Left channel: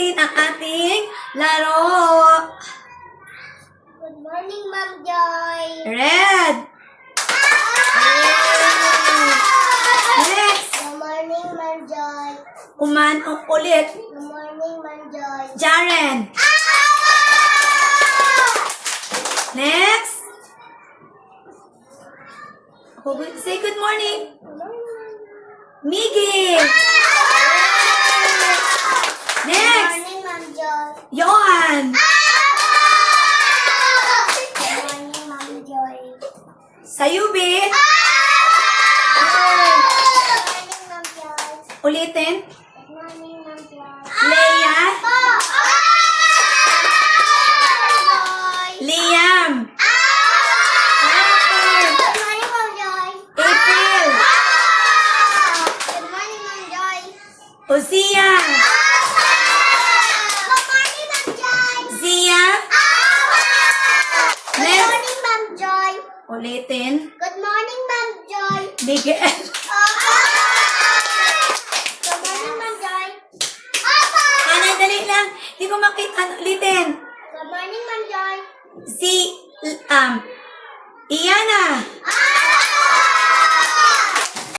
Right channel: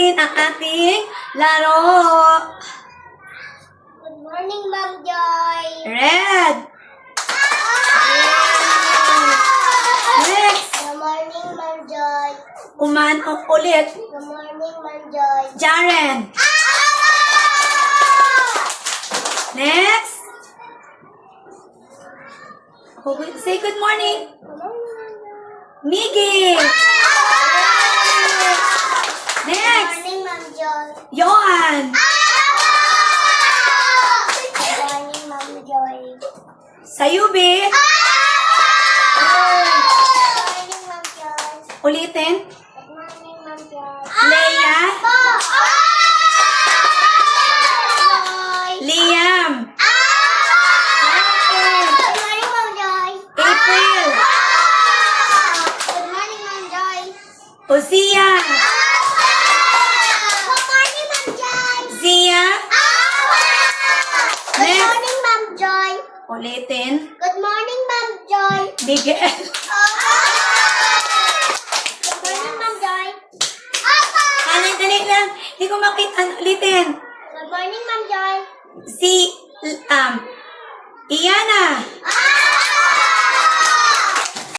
natin ang ating laro. Good morning, Ma'am Joy. Red. Next. Good morning, Ma'am Joy. Umanong ulit. Good morning, Ma'am Joy. Jaren. Next. Say good morning. Good morning, Ma'am Joy. Miggy. Good Next. morning, Ma'am Joy. Johan. Good morning, Ma'am Joy. Sayubi. Good morning, Ma'am Joy. Ulitin. Good morning, Ma'am Joy. Leia. Joy. Liam. Good morning, Ma'am Joy. April. Good morning, Ma'am Joy. Ozia. Good morning, Ma'am Joy. Zia. Good Next. morning, Ma'am Joy. Ulitin. Good morning, Ma'am Joy. Miguel. Good morning, Ma'am Joy. Dali lang. Hindi ko makita. Ulitin. Good morning, Ma'am Joy. Si, Iyana.